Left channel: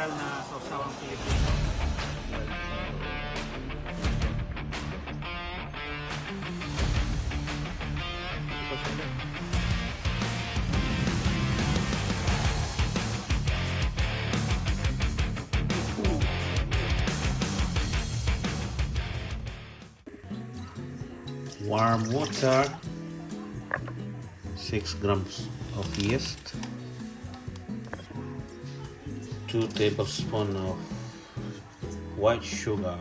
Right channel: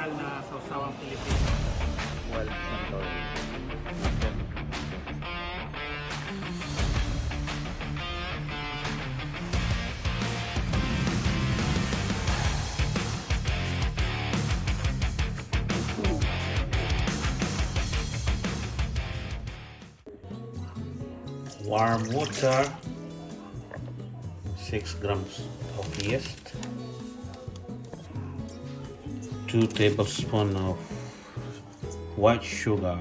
general na sausawang Pilipino. Warm water, 6 grams of yeast, 2 tablespoons of white sugar.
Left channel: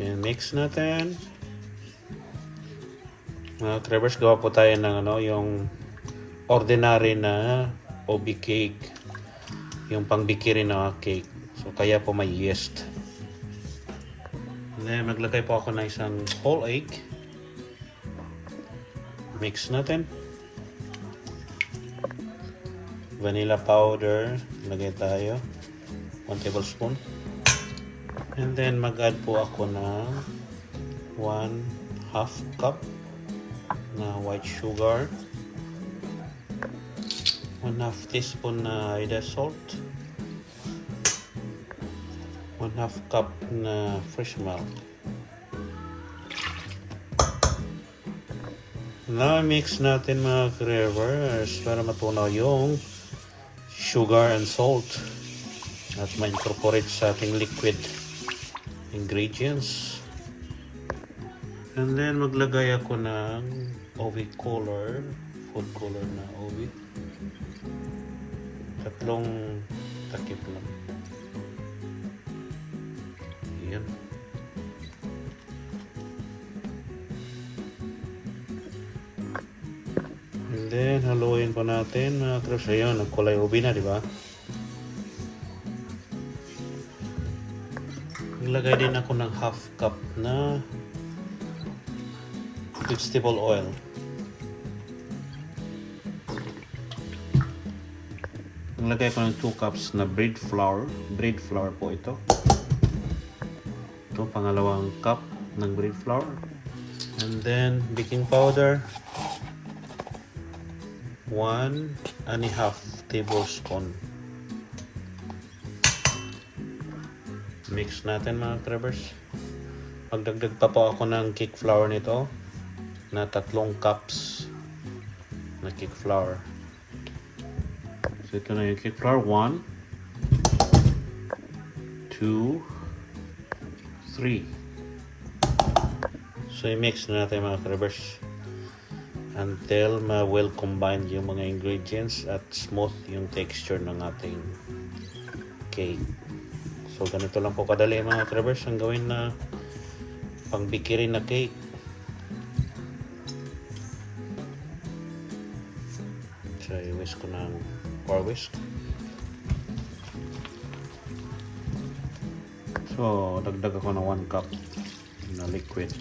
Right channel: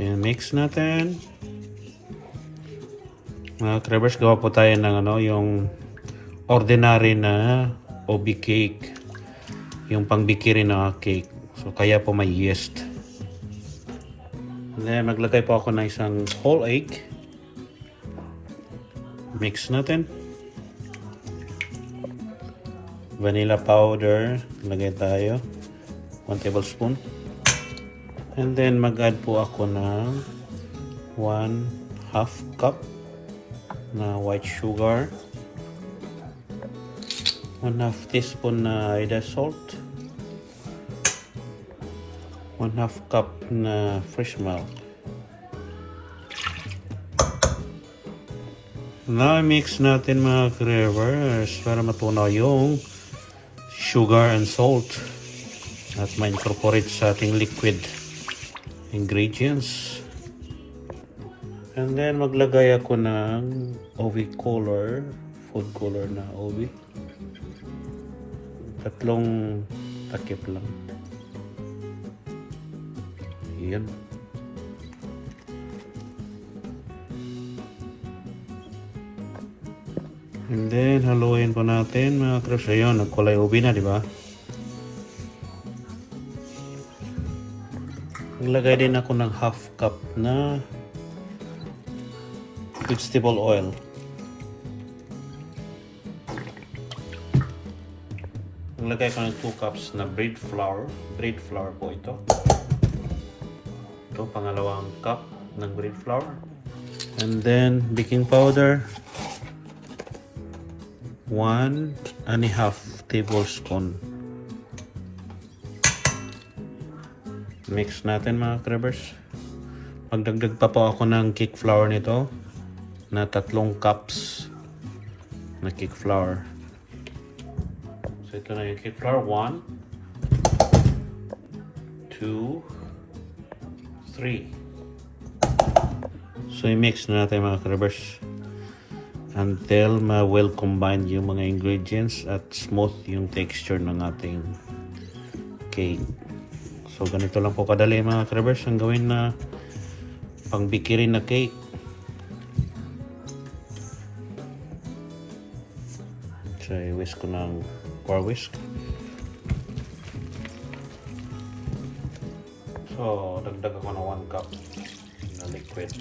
And mix natin. Mga Krevers, gawa po tayo ng yung ordinary na OB cake, yung pangbikiri na cake. So kaya po may yeast. And then maglagay po ako ng isang whole egg. Mix natin. Vanilla powder, lagay tayo 1 tablespoon. And then mag-add po ako ng 1/2 cup na white sugar, 1/2 teaspoon na Ida salt, 1/2 cup na fresh milk. Na-mix natin mga Krevers para matunaw yung sugar and salt at ma-incorporate sa ating liquid ingredients. And then maglagay ako ng OV color, food color na OV. 3 takip lang. Yan. And then, haluin po natin mga Krevers. Ayun, nagkulay ubi na, di ba? Naglagay din ako ng 1/2 cup na vegetable oil. Naglagay ko ng 2 cups na bread flour. Bread flour po ito. Ito, pangalawang cup ng bread flour. And then, baking powder. 1.5 tablespoon. Mix natin mga Krevers. Pagdagdag pa po ako ng cake flour nito na 3 cups na cake flour. So ito na yung cake flour. 1, 2, 3. So i-mix na natin mga Krevers until well combined yung mga ingredients at smooth yung texture ng ating cake. So ganito lang po kadali mga Krevers ang gawin na pangbikirin na cake. So i-whisk ko ng whisk. So dagdag ako ng 1 cup na liquid.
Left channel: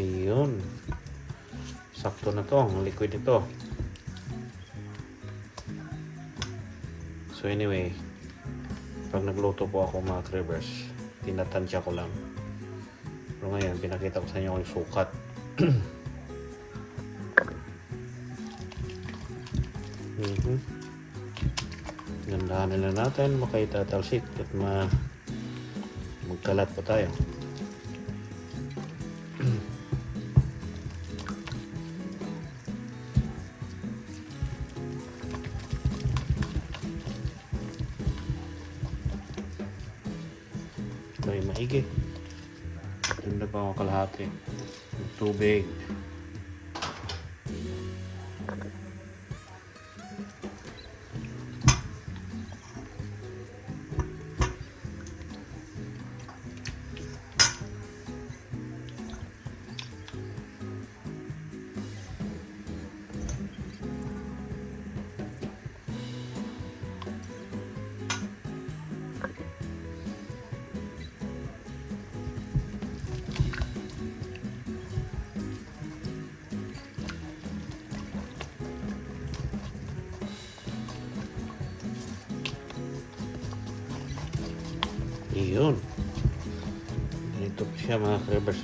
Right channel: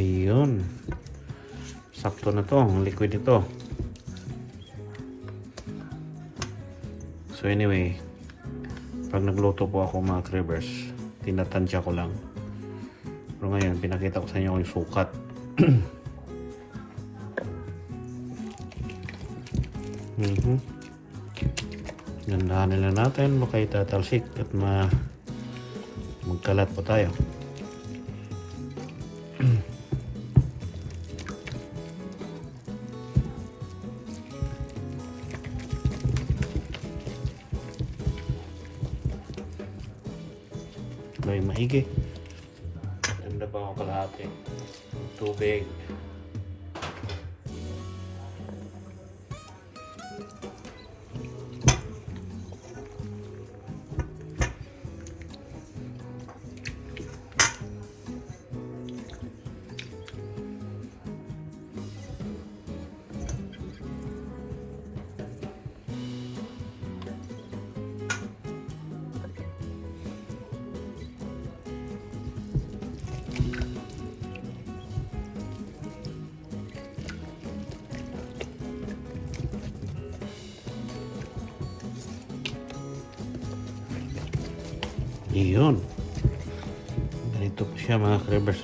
Ayun. Sakto na to, ang liquid ito. So anyway, pag nagluto po ako mga Krevers, tinatansya ko lang. Pero ngayon, pinakita ko sa inyo yung sukat. Nandahanin na natin, baka itatalsik at magkalat po tayo. Ay, maigi. Tanda pa ako kalahati. Tubig. Iyon. Ganito po siya mga Krevers.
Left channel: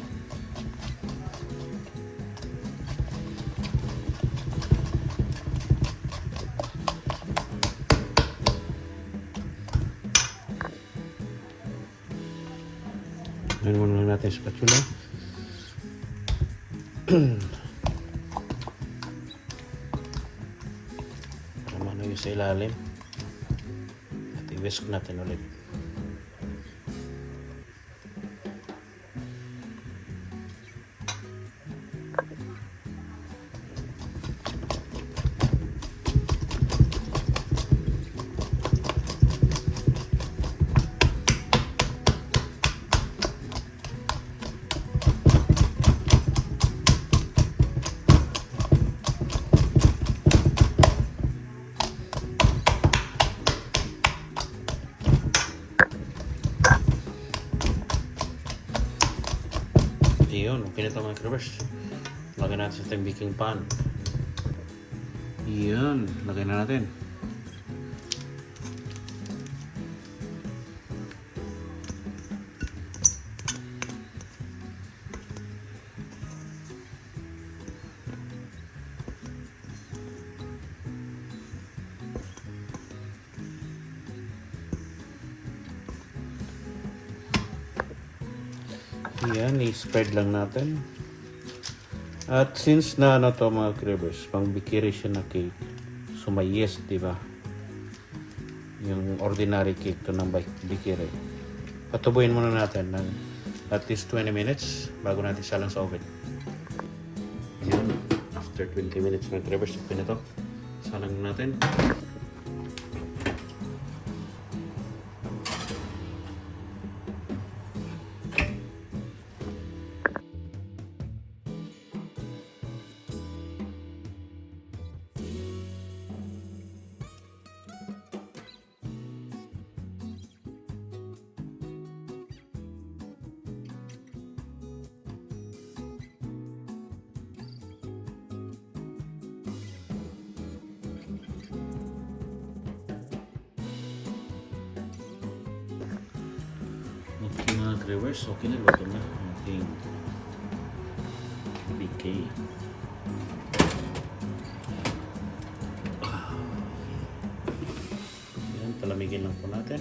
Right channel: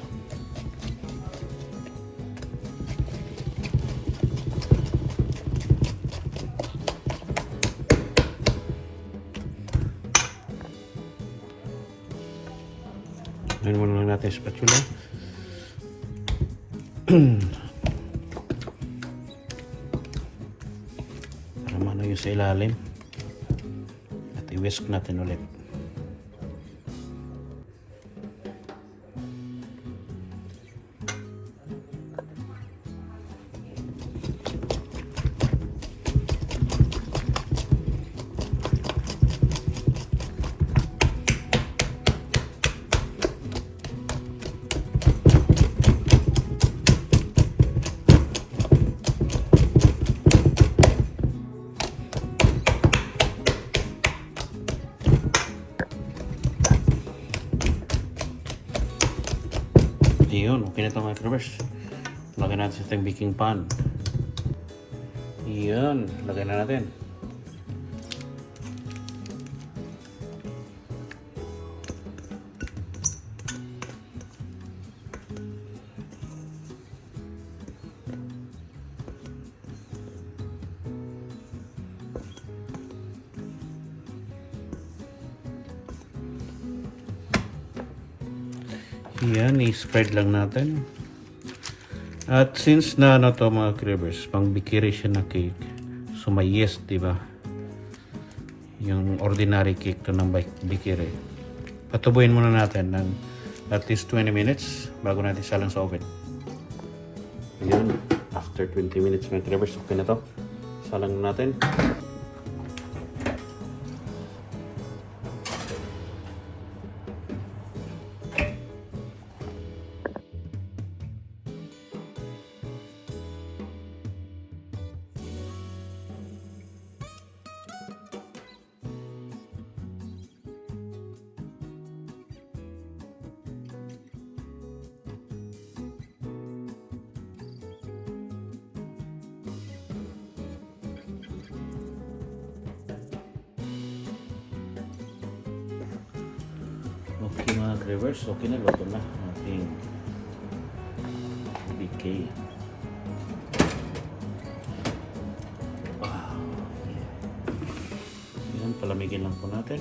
Ngayon muna lang natin spatula. Ano yung sa ilalim. At i-whisk natin ulit. Yun, okay na ito mga cravers. Lagay natin sa ating baking pan. Yan, lagay na natin. Yan, i-spread lang natin. At since na ano to mga cravers, pang bakery siya na cake, so may yeast, di ba? Yung ordinary cake to ng bakery. Patubuin muna natin ng at least 20 minutes bago natin salang sa oven. Yan, after 20 minutes mga cravers, okay na to. Salang na natin. Okay mga cravers, okay na, luto na ang ating BK. Yan, palamigin lang po natin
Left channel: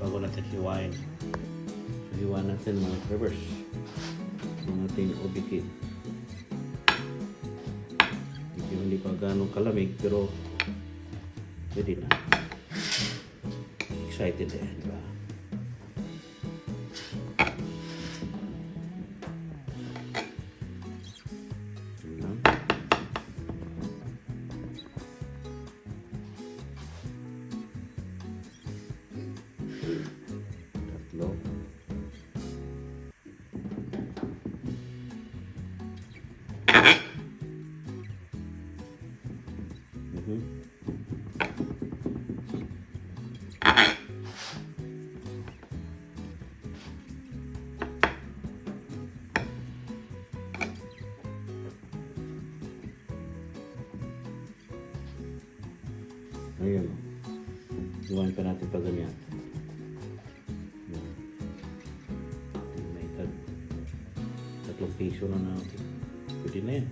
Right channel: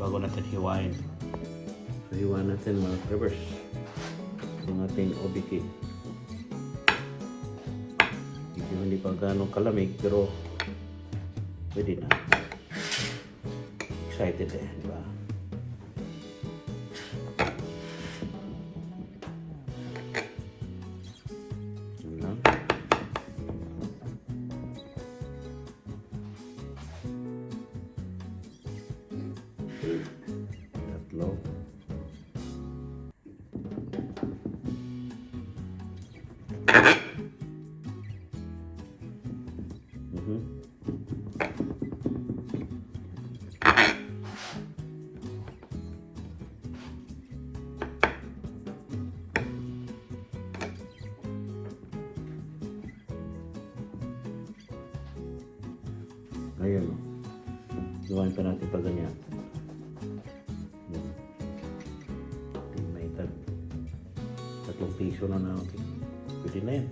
bago natin hiwain. So, hiwain natin mga cravers ang ating OBK. Hindi pa ganong kalamig pero pwede na. Excited eh, di ba? Tatlo. Ayun o. Iwain pa natin pa ganyan. May tatlong piso na natin. Pwede na yan.